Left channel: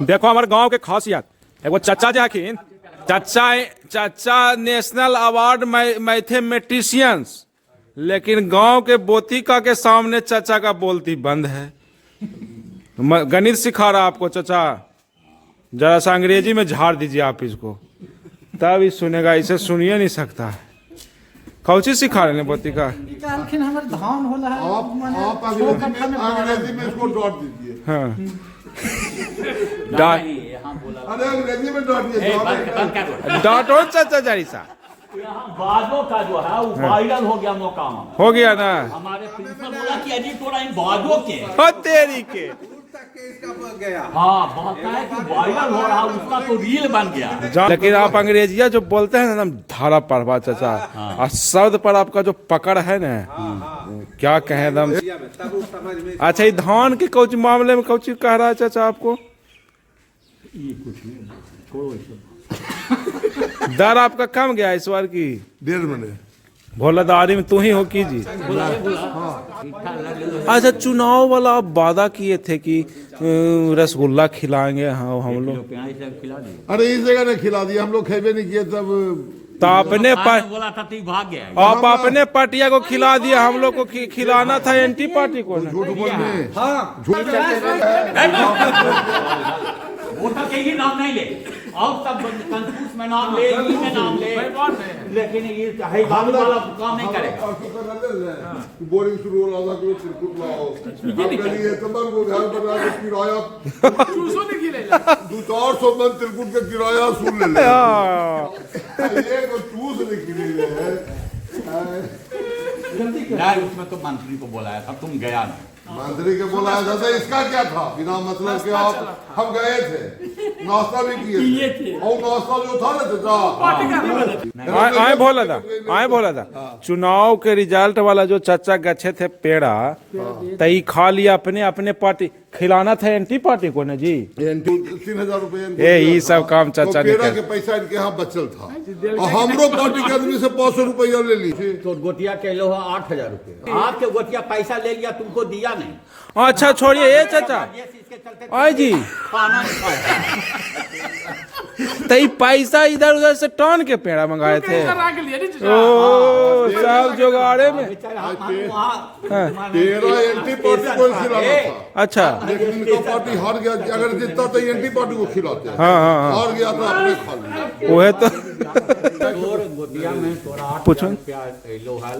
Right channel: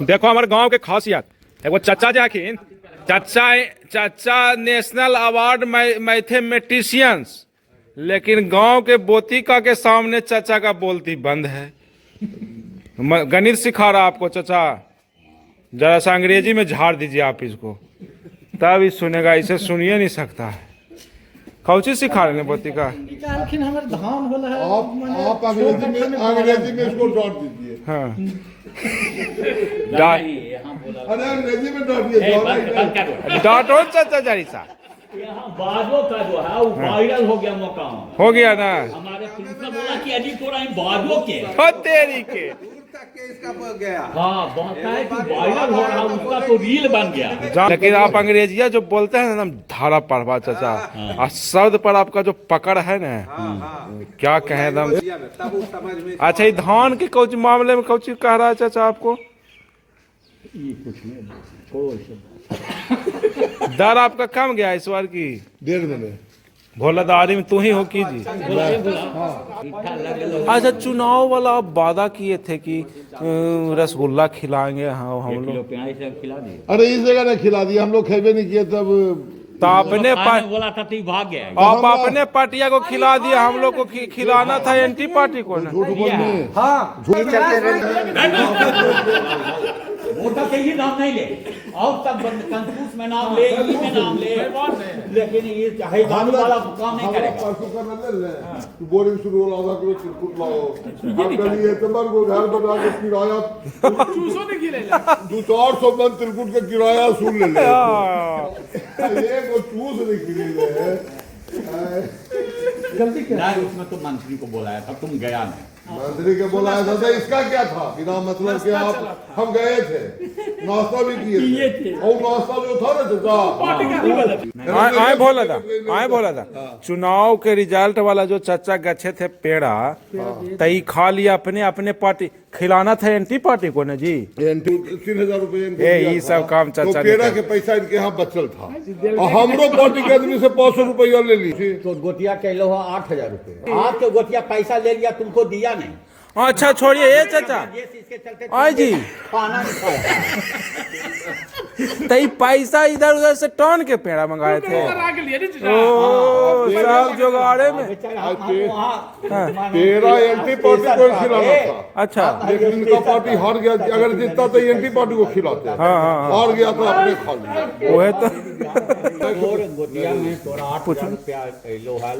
देखो हमारे गांव के खासियत एगो चाचा जाखिन चाचा नेशनल अवार्ड मैथमेटिशियंस, लेकिन गांव के बोतिका के सामने चाचा का बोलती बंद है। गणित सिखा रहा आपको चाचा, जरा सा अंग्रेजी में झाड़ दीजिए आप इसको, तब ही सुनेगा, इसे सुनिए नहीं सकता। कौची सिखा रहे हैं बोतिका? आप अंग्रेजी में इसको डॉट दीजिए। हाँ अरे अंग्रेजी में डॉट दीजिए। डांटो चाचा जरी सा। यहाँ बाजो का जो है वो वायरल हो गया मुकाम, हो गया ना? हमारे प्रिंसिपल बोला कि अभी थोड़ा इन बाजो के हो तेरी के। हाँ बहुत है कि वायरल हो रहा, उसका तो रील बन गया। लेकिन आप अंग्रेजिया जो बोलते हैं एकदम धारा पढ़वा चाचा, और शब्द पर आपका जो पकड़ है ना, क्या कहें एकदम। अच्छा ये धान के कुछ मामले में कुछ कह रहा है चाचा आपको? दर आपका कम गया इस बार की 1.5 महीने। भोलादारी में तू ही हो कीजिए। अच्छा चुनाव वाला आप वादा किए थे कि रसगुल्ला खिलाएंगे। हाँ हम लोग अरे इस जगह ने खिला दिया, हम लोग खेबे नहीं किए तब। तो अपने बोला था तू भाग गया। आप अपने पार्टिया को खिला दिया, हम लोग को खिलाना था एंटी पार्टी को ना। वोटर के ही नाम नहीं ले, और सब कंफ्यूज में नाम ले, में नाम ले, लेकिन ये है गाड़ी वाला काम नहीं करेगा। बोरिंग शुरू हो रहा था कि चिरकुट लाओ, गली है तंबर को घर बना के किराया 200 मन चिरकुट के किराया सुन ले ये तो चूस नहीं खिले है। गलती क्या उसमें तो मंत्री को बुलाया था, तुम गया नहीं। मंत्री के बुलाया था, इसका क्या था? बिना मतलब के आप हम गए थे, नाश्ता भी किए थे, और नाश्ता जो था ना चाचा आए बोला था चुनाव के रिजल्ट वाला जो चाचा गच्छे थे पेड़ा, तई खा लिया अपने पार्टी, खिलाना था एंटी पार्टी को ना जी। 3000 रुपए ये सब काम चाचा तो पेड़ा के पैसा इनके यहाँ बचल था, और हमरो पार्टी के आदमी से 500 रुपया ले ली। तो गोटिया के लो 8000 रुपए, आप तो गोटिया पैसा ले लिया, तुमको दिया नहीं। अच्छा छोड़िए ये चाचा आई जी, तई पैसा इधर उधर से टॉन के पेड़ा मंगाए थे। ओ सब जुगाड़े में पेड़ा एंटी पार्टी को खिलाना था। अच्छा लेकिन इनका पार्टी हार गया, अगर जीतता तो एंटी पार्टी को खिलाते हैं। हार गया तो अपने खा लिया। वो है तो गोटिया में 8,000 रुपया लोहाल